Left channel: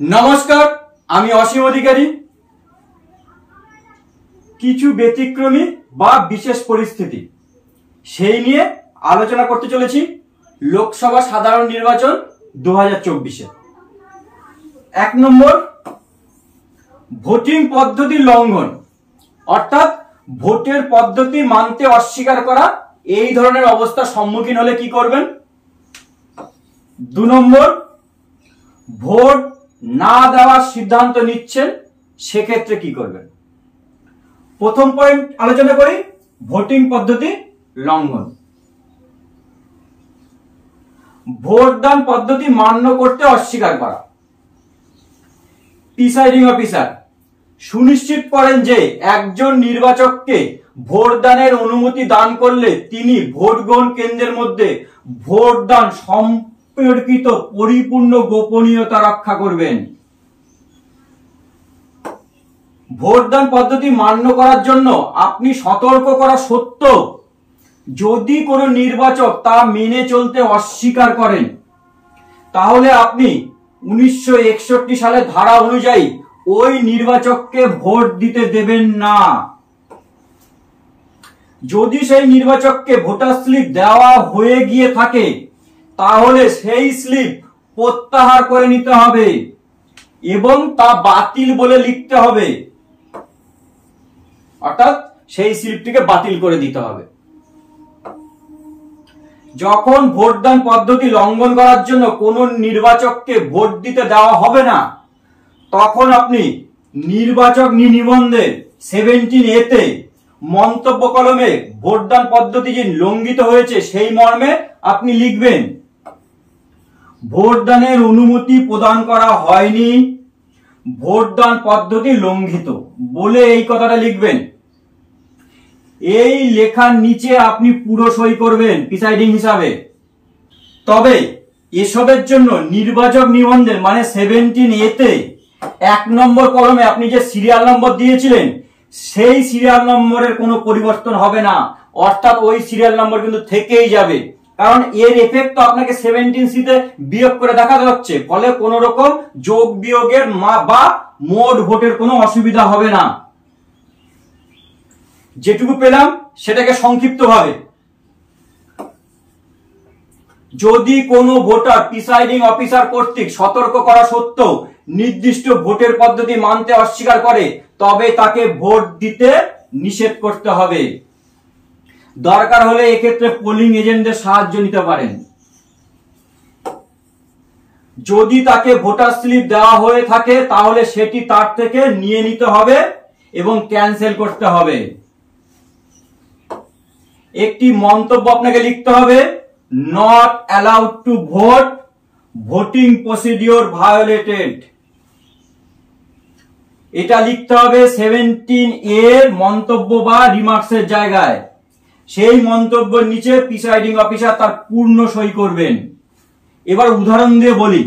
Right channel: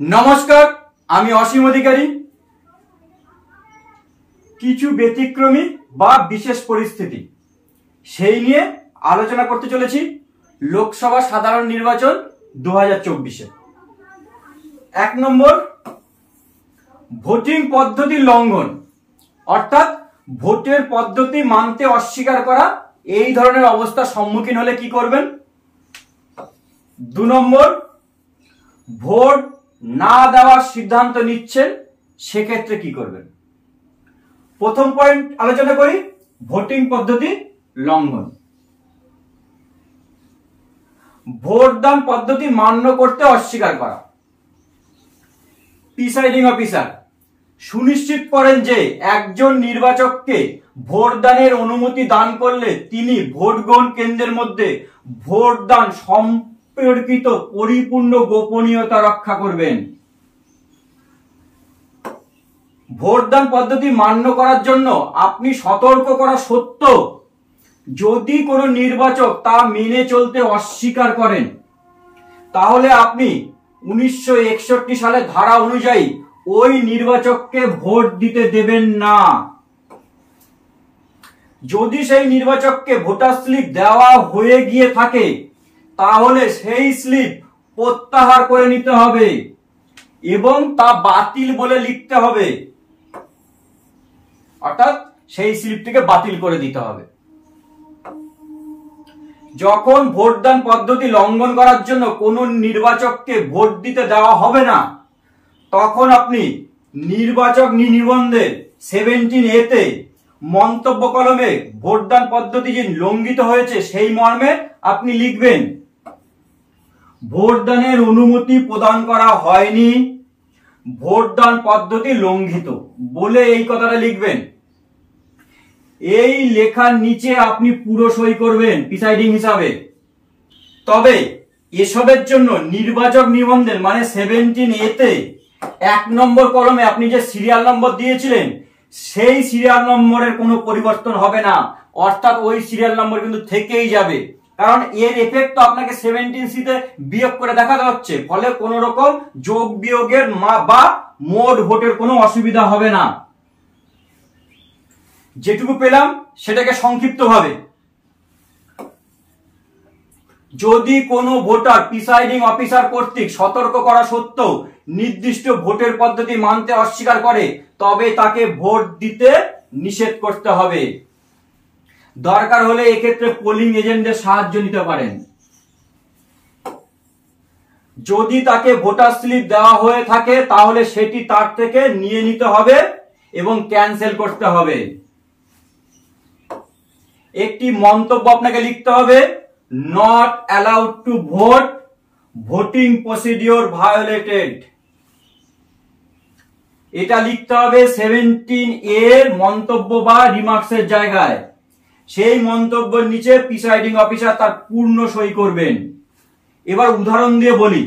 নমস্কার, আমি অসীম অধিকারী। কিছু ব্যতিক্রমী বা বিশেষ পরিস্থিতি সেই নিয়ে আলোচনা করতে চলেছি লোকসভা সাধারণ নির্বাচন 2024-এ। 1 নম্বর, ভোটিং পদ্ধতি লঙ্ঘন, অর্থাৎ ভোটের পদ্ধতি মানতে অস্বীকার করা। এই ধরনের অবস্থার সম্মুখীন হলে কি করবেন? 2 নম্বর, ভোট না দেওয়ার সিদ্ধান্ত নিচ্ছেন, সেক্ষেত্রে কি করবেন? প্রথম পয়েন্ট আলোচনা করি, ভোটিং পদ্ধতি লঙ্ঘন। ভোটদান পদ্ধতি মান্য করতে অস্বীকার করা। প্রিসাইডিং অফিসার সুনিশ্চিত করেন যে একজন নির্বাচককে ভোটদানের অনুমতি দান করলে তিনি ভোট গ্রহণ কেন্দ্রের মধ্যে ভোটদান সম্পর্কিত পরিপূর্ণ গোপনীয়তা রক্ষা করবেন। ভোটদান পদ্ধতি মান্য করার জন্য আপনি সতর্ক করা সত্ত্বেও যদি কোনো নির্বাচক তা মেনে চলতে অস্বীকার করেন, তাহলে আপনি 1961 সালের ধারা অনুযায়ী ওই নির্বাচককে ভোট দিতে দেবেন না। যদি সেই নির্বাচককে ভোটার স্লিপ দেওয়া হয়ে গিয়ে থাকে, তাহলে সেই স্লিপ প্রত্যাহার করে নিতে হবে এবং তা বাতিল বলে লিখতে হবে, অর্থাৎ সেই স্লিপটিকে বাতিল করে দিতে হবে। যখন ভোটদান পদ্ধতি লঙ্ঘন করার জন্য কোনো নির্বাচককে ভোট দিতে দেওয়া হবে না, তখন আপনি নির্বাচক নিবন্ধের 17A তে মন্তব্য কলমে ভোটদান পদ্ধতি যে লঙ্ঘিত হয়েছে সেই মর্মে আপনি লিখবেন, ভোটদানের অনুমতি প্রদান করা হয়নি, ভোটদান পদ্ধতি লঙ্ঘিত বলে এই কথাটা লিখবেন। এই লেখার নিচে আপনি পুরো সই করবেন প্রিসাইডিং হিসাবে। তবে এসবের জন্য নির্বাচক নিবন্ধের মানে 17A তে 1 নম্বর কলমে আপনি যে সিরিয়াল নম্বর দিয়েছিলেন সেই সিরিয়াল নম্বরের কোনো পরিবর্তন হবে না, অর্থাৎ ওই সিরিয়াল নম্বর কিন্তু থেকেই যাবে, কারণ এর এফেক্ট তো আপনাকে 17C তে বিয়োগ করে দেখাতে হচ্ছে, ফলে কোনো রকম যোগ বিয়োগের বা মোট ভোটের কোনো অসুবিধা হবে না। যেটুকু পেলাম সেটাকে সংক্ষিপ্তভাবে, যদি কোনো ভোটার প্রিসাইডিং অফিসার কর্তৃক সতর্ক করা সত্ত্বেও নির্দিষ্ট ভোটের পদ্ধতি মানতে অস্বীকার করে, তবে তাকে ভোট দিতে নিষেধ করতে হবে। দরকার হলে এক্ষেত্রে পোলিং এজেন্টদের সাহায্য নিতে পারেন। যদি তাকে ভোটার স্লিপ দেওয়া হয়ে থাকে, তাহলে সেটি তার থেকে নিয়ে নিতে হবে এবং ক্যান্সেল করতে হবে। একটি মন্তব্য আপনাকে লিখতে হবে, not allowed to vote, voting procedure violated. এটা লিখতে হবে 17A মন্তব্য বা রিমার্কসের জায়গায়। সেই মন্তব্যের নিচে প্রিসাইডিং অফিসার তার পূর্ণ সই করবেন। এবার উদাহরণ দিয়ে বলি,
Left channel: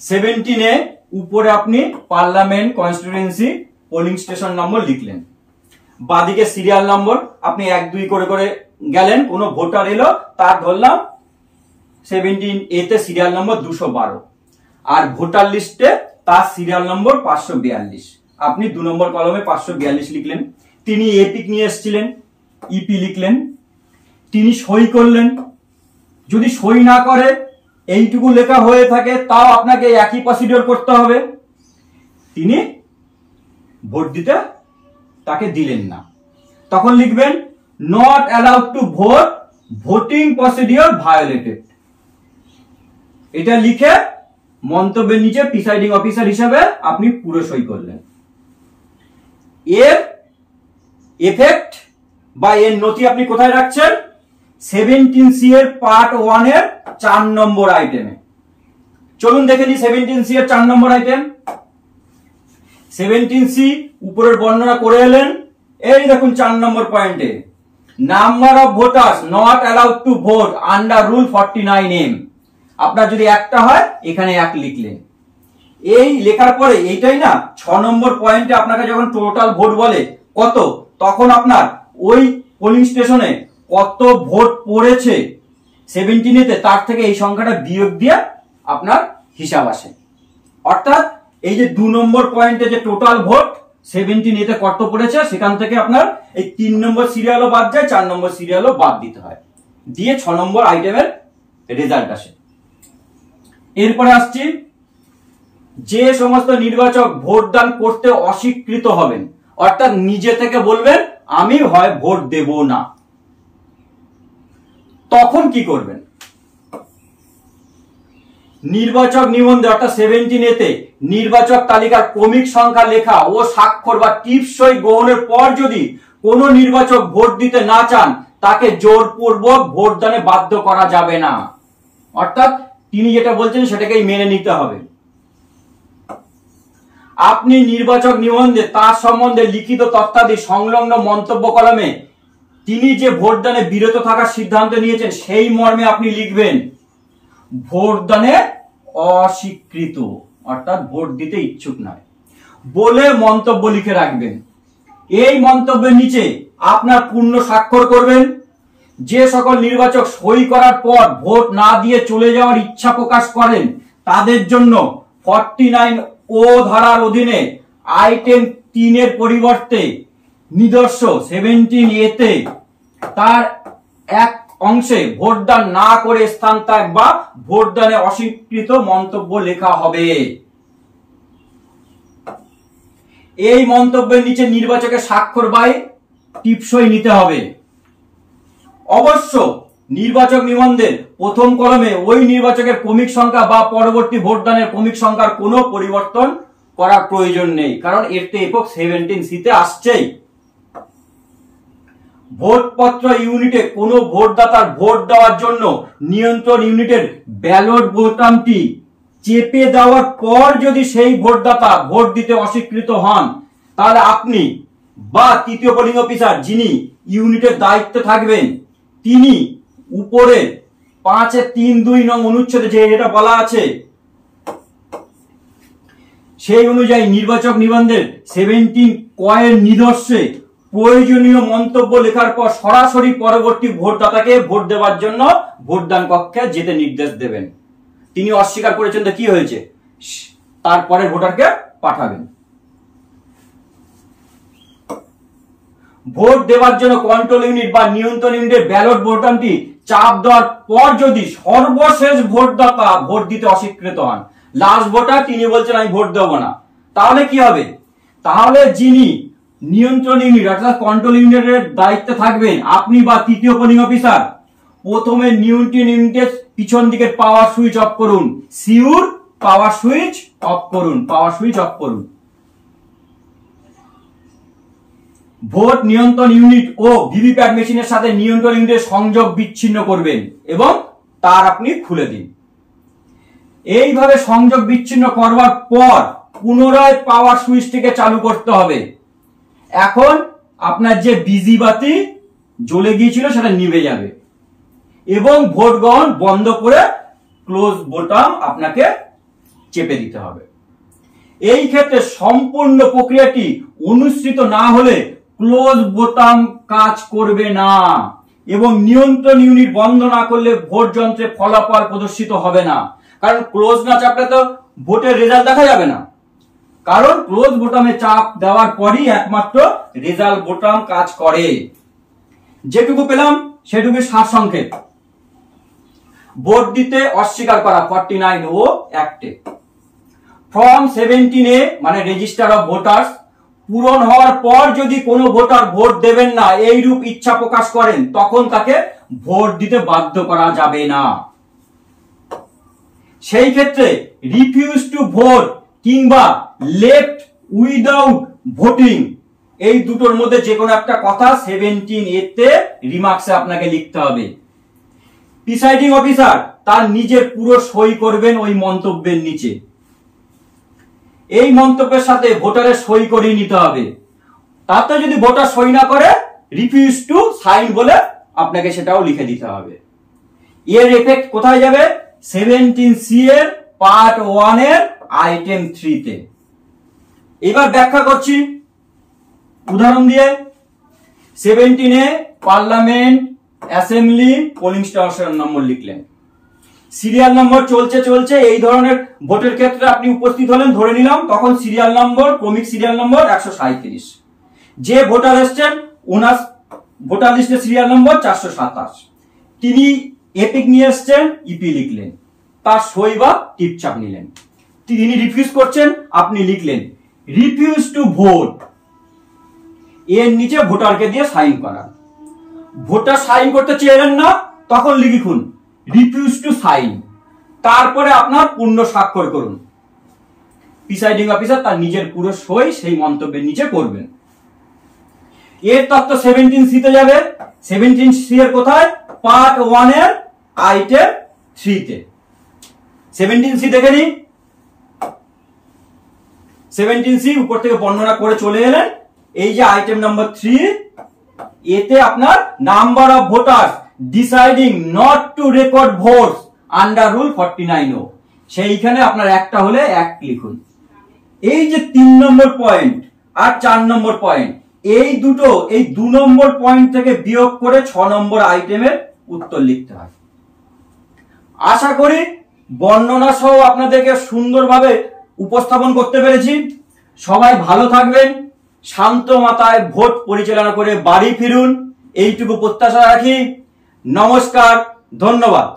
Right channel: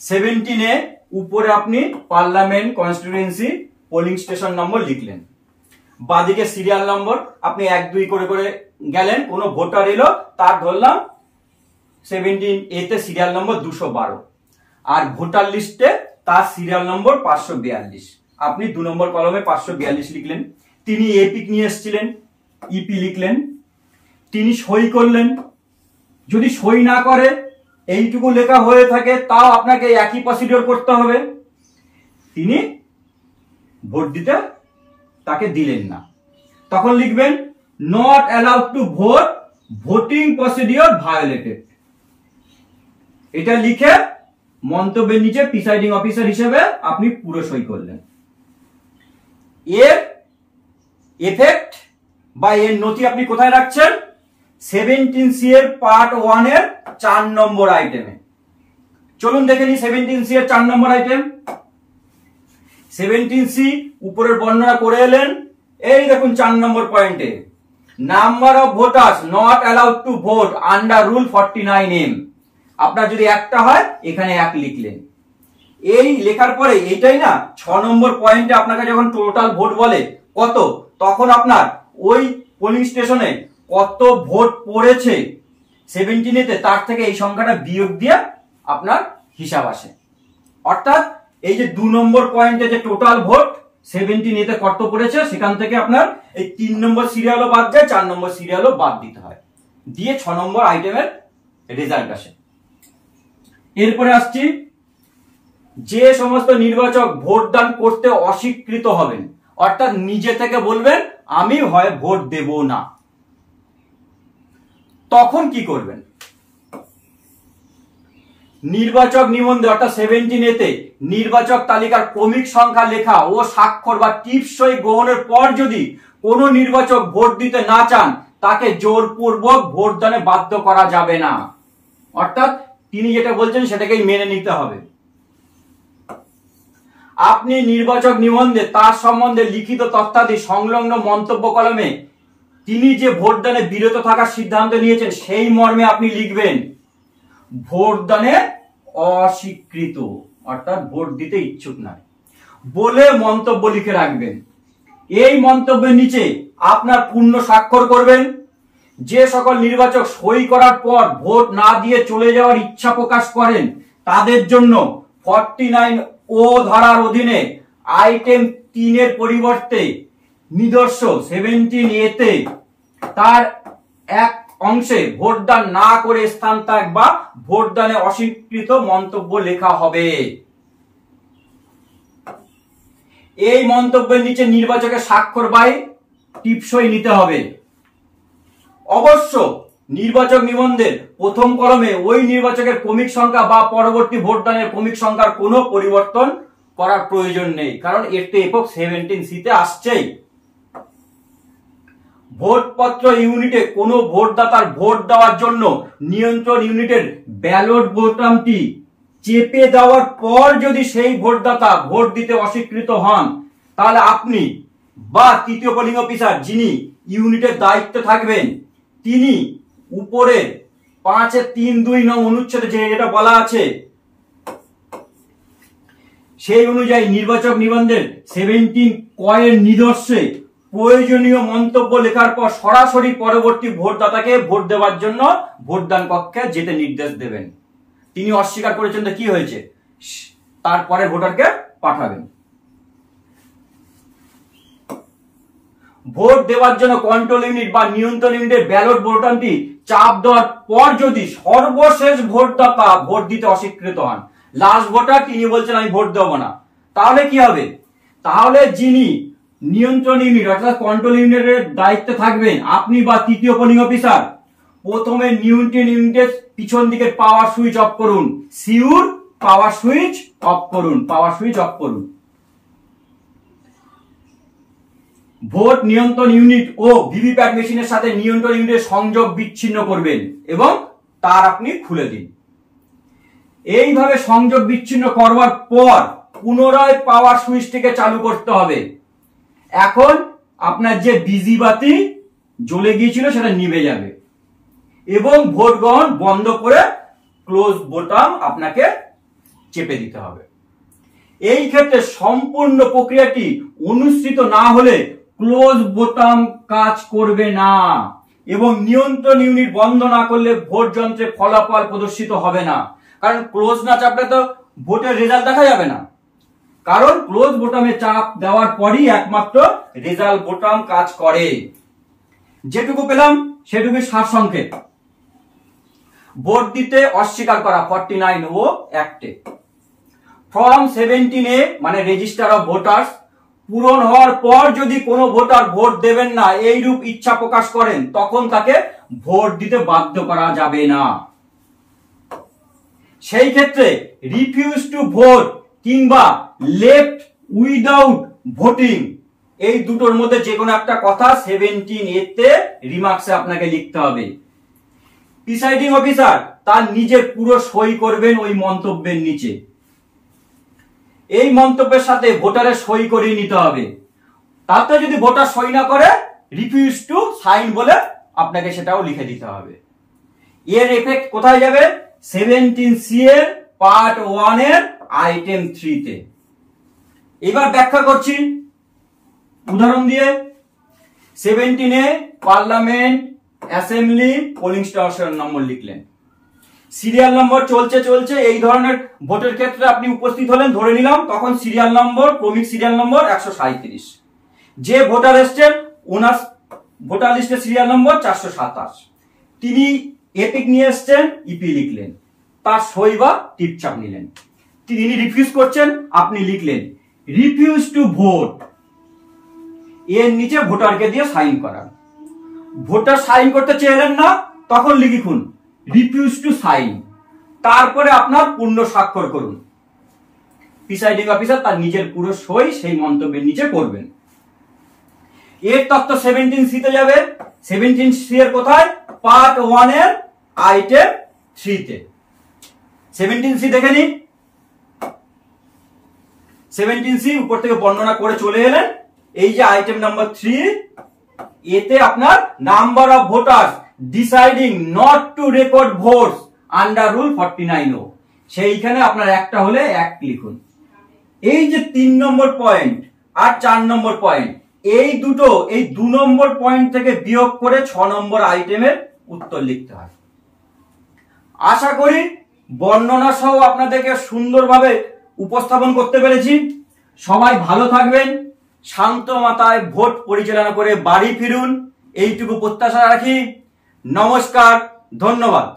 17A উপরে আপনি parliament constituency polling station number লিখলেন, বাদিকে সিরিয়াল নম্বর আপনি 1 2 করে করে গেলেন, কোন ভোটার এলো, তার ধরলাম 17A তে সিরিয়াল নম্বর 212, আর ভোটার লিস্টে তার সিরিয়াল নম্বর 542। আপনি 2 নম্বর কলমে 542 লিখলেন। তিনি এপিক নিয়ে এসেছিলেন, ইপি লিখলেন, তিনি সই করলেন। যদি সই না করে এইটুকু লেখা হয়ে থাকে, তাও আপনাকে একই প্রসিডিওর করতে হবে। তিনি ভোট দিতে তাকে দিলেন না, তখন লিখবেন not allowed to vote, voting procedure violated. এটা লিখে মন্তব্যের নিচে প্রিসাইডিং অফিসার হিসেবে আপনি পুরো সই করলেন। এর এফেক্ট বা এর নথি আপনি কোথায় রাখছেন? 17C এর পার্ট 1 এর 4 নম্বর আইটেমে। চলুন দেখে নিই 17C এর 4 নম্বর আইটেম। 17C উপরের বর্ণনা করে এলেন, এই দেখুন 4 নম্বর পয়েন্টে, number of voters not allowed to vote under rule 49M। আপনার যদি একটা হয়, এখানে 1 লিখলেন। এই লেখার পরে এইটাই না 6 নম্বর পয়েন্টে আপনাকে যখন টোটাল ভোট বলে কত, তখন আপনার ওই পোলিং স্টেশনে কত ভোট পড়েছে 17A তে, তার থেকে এই সংখ্যাটা বিয়োগ দিয়ে আপনার হিসাব আসে। অর্থাৎ এই যে 2 নম্বর পয়েন্টে যে টোটাল ভোট 17 এতে কত পড়েছে সেখান থেকে আপনার এই 3 নম্বর সিরিয়ালও বাদ যায়, 4 নম্বর সিরিয়ালও বাদ দিতে হয়, দিয়ে 6 নম্বর আইটেমের রেজাল্ট আসে। এরপরে আসছি, যে সমস্ত নির্বাচক ভোটদান করতে অস্বীকৃত হবেন, অর্থাৎ নিজে থেকে বলবেন আমি হয় ভোট দেব না, তখন কি করবেন? নির্বাচক নিবন্ধে অর্থাৎ 17 এতে নির্বাচক তালিকার ক্রমিক সংখ্যা লেখা ও স্বাক্ষর বা টিপসই গ্রহণের পর যদি কোনো নির্বাচক ভোট দিতে না চান তাকে জোরপূর্বক ভোটদানে বাধ্য করা যাবে না। অর্থাৎ তিনি যেটা বলছেন সেটাকেই মেনে নিতে হবে। আপনি নির্বাচক নিবন্ধে তার সম্বন্ধে লিখিত তথ্যাদি সংলগ্ন মন্তব্য কলমে তিনি যে ভোটদানে বিরত থাকার সিদ্ধান্ত নিয়েছেন সেই মর্মে আপনি লিখবেন ভোটদানে অস্বীকৃত, অর্থাৎ ভোট দিতে ইচ্ছুক নয় বলে মন্তব্য লিখে রাখবেন। এই মন্তব্যের নিচে আপনার পূর্ণ স্বাক্ষর করবেন। যে সকল নির্বাচক সই করার পর ভোট না দিয়ে চলে যাওয়ার ইচ্ছা প্রকাশ করেন তাদের জন্য 49 ও ধারার অধীনে আইটেম 3 এর পরিবর্তে নিদর্শ 17 এতে তার এক অংশে ভোটদান না করে স্থান ত্যাগ বা ভোটদানে অস্বীকৃত মন্তব্য লেখা হবে। এই মন্তব্যের নিচে নির্বাচকের স্বাক্ষর বাই টিপসই নিতে হবে। অবশ্য নির্বাচক নিবন্ধের প্রথম কলমে ওই নির্বাচকের ক্রমিক সংখ্যা বা পরবর্তী ভোটদানের ক্রমিক সংখ্যার কোনো পরিবর্তন করার প্রয়োজন নেই, কারণ এর তো একক 17C তে আসছেই। ভোটপত্র ইউনিটে কোনো ভোটদাতার ভোট দেওয়ার জন্য নিয়ন্ত্রণ ইউনিটের ব্যালট বোতামটি চেপে দেওয়ার পর যদি সেই ভোটদাতা ভোট দিতে অস্বীকৃত হন তাহলে আপনি বা তৃতীয় পোলিং অফিসার যিনি ইউনিটের দায়িত্বে থাকবেন তিনি উপরে 5-3-2 নং অনুচ্ছেদে যে এটা বলা আছে সেই অনুযায়ী নির্বাচক নিবন্ধের 17 কয়ের নিদর্শে প্রয়োজনীয় মন্তব্য লেখার পর সরাসরি পরবর্তী ভোটদাতাকে ভোট দেওয়ার জন্য ভোটদান কক্ষে যেতে নির্দেশ দেবেন। তিনি অস্বীকার করেছেন তো কি হয়েছে, তারপরে ভোটারকে পাঠাবেন। ভোট দেওয়ার জন্য কন্ট্রোল ইউনিট বা নিয়ন্ত্রণ ইউনিটের ব্যালট বোতামটি চাপ দেওয়ার পর যদি সর্বশেষ ভোটদাতা ভোট দিতে অস্বীকৃত হন, লাস্ট ভোটার তিনি বলছেন আমি ভোট দেব না, তাহলে কি হবে? তাহলে যিনি নিয়ন্ত্রণ ইউনিট অর্থাৎ কন্ট্রোল ইউনিটের দায়িত্বে থাকবেন আপনি বা তৃতীয় পোলিং অফিসার, প্রথমে নিয়ন্ত্রণ ইউনিটের পিছন দিকে পাওয়ার সুইচ অফ করুন, সিউর পাওয়ার সুইচ অফ করুন, পাওয়ার সুইচ অফ করুন। ভোট নিয়ন্ত্রণ ইউনিট ও ভিভিপ্যাট মেশিনের সাথে নিয়ন্ত্রণ ইউনিটের সংযোগ বিচ্ছিন্ন করবেন এবং তার আপনি খুলে দিন। এইভাবে সংযোগ বিচ্ছিন্ন করবার পর পুনরায় পাওয়ার সুইচটিকে চালু করতে হবে। এখন আপনার যে বিজি বাতি জ্বলে গিয়েছিল সেটা নিভে যাবে এবং ভোট গ্রহণ বন্ধ করে ক্লোজ বোতাম আপনাকে চেপে দিতে হবে। এই ক্ষেত্রে সম্পূর্ণ প্রক্রিয়াটি অনুসৃত না হলে ক্লোজ বোতাম কাজ করবে না এবং নিয়ন্ত্রণ ইউনিট বন্ধ না করলে ভোট যন্ত্রে ফলাফল প্রদর্শিত হবে না। কারণ ক্লোজ না চাপলে তো ভোটের রেজাল্ট দেখা যাবে না, কারণ ক্লোজ বোতামে চাপ দেওয়ার পরই একমাত্র রেজাল্ট বোতাম কাজ করে। যেটুকু পেলাম সেটুকু সারসংক্ষেপ। ভোট দিতে অস্বীকার করা 49 ও অ্যাক্টে ফর্ম 17A মানে রেজিস্টার অফ ভোটার্স পূরণ হওয়ার পর যদি কোনো ভোটার ভোট দেবেন না এইরূপ ইচ্ছা প্রকাশ করেন তখন তাকে ভোট দিতে বাধ্য করা যাবে না। সেই ক্ষেত্রে রিফিউজ টু ভোট কিংবা লেফট উইদাউট ভোটিং এই দুটোর মধ্যে যে কোনো একটা কথা 17A তে রিমার্কসে আপনাকে লিখতে হবে। প্রিসাইডিং অফিসার তার নিজের পুরো সই করবেন ওই মন্তব্যের নিচে। এই মন্তব্যের সাথে ভোটারের সই করিয়ে নিতে হবে। তাতে যদি ভোটার সই না করে রিফিউজ টু সাইন বলে আপনাকে সেটাও লিখে দিতে হবে। এর এফেক্ট কোথায় যাবে? 17C এর পার্ট 1 এর আইটেম 3 তে। এবার ব্যাখ্যা করছি উদাহরণ দিয়ে। 17A parliament assembly polling station number লিখলেন। সিরিয়াল নম্বর চলছে চলছে এই ধরনের ভোটের ক্ষেত্রে আপনি উপস্থিত হলেন ধরে নিলাম, তখন সিরিয়াল নম্বর, ক্রমিক সিরিয়াল নম্বর 137। যে ভোটার এসছেন ওনার ভোটার লিস্টের সিরিয়াল নম্বর 427, তিনি এপিক নিয়ে এসছেন, ইপি লিখলেন, তার সই বা টিপচাপ নিলেন। তিনি রিফিউজ করছেন, আপনি লিখলেন রিফিউজ টু ভোট, এর নিচে ভোটারকে দিয়ে সাইন করান। ভোটার সাইন করতে চাইলেন না, তখন লিখুন রিফিউজ টু সাইন, তারপরে আপনার পূর্ণ স্বাক্ষর করুন। প্রিসাইডিং অফিসার তার নিজের পুরো সই সেই মন্তব্যের নিচে করবেন। এর তথ্য 17C তে যাবে। 17C এর কোথায়? পার্ট 1 এর আইটেম 3 তে। 17C দেখে নিন। 17C উপর থেকে বর্ণনা করে চলে এলেন। এই যে আইটেম নাম্বার 3, এতে আপনার number of voters deciding not to record votes under rule 49O, সেইখানে আপনার একটা হলে 1 লিখুন। এই যে 3 নম্বর পয়েন্ট আর 4 নম্বর পয়েন্ট, এই দুটো, এই 2 নম্বর পয়েন্ট থেকে বিয়োগ করে 6 নম্বর আইটেমের উত্তর লিখতে হয়। আশা করি বর্ণনা সহ আপনাদেরকে সুন্দরভাবে উপস্থাপন করতে পেরেছি। সবাই ভালো থাকবেন, শান্ত মাথায় ভোট পরিচালনা করে বাড়ি ফিরুন, এইটুকু প্রত্যাশা রাখি। নমস্কার, ধন্যবাদ।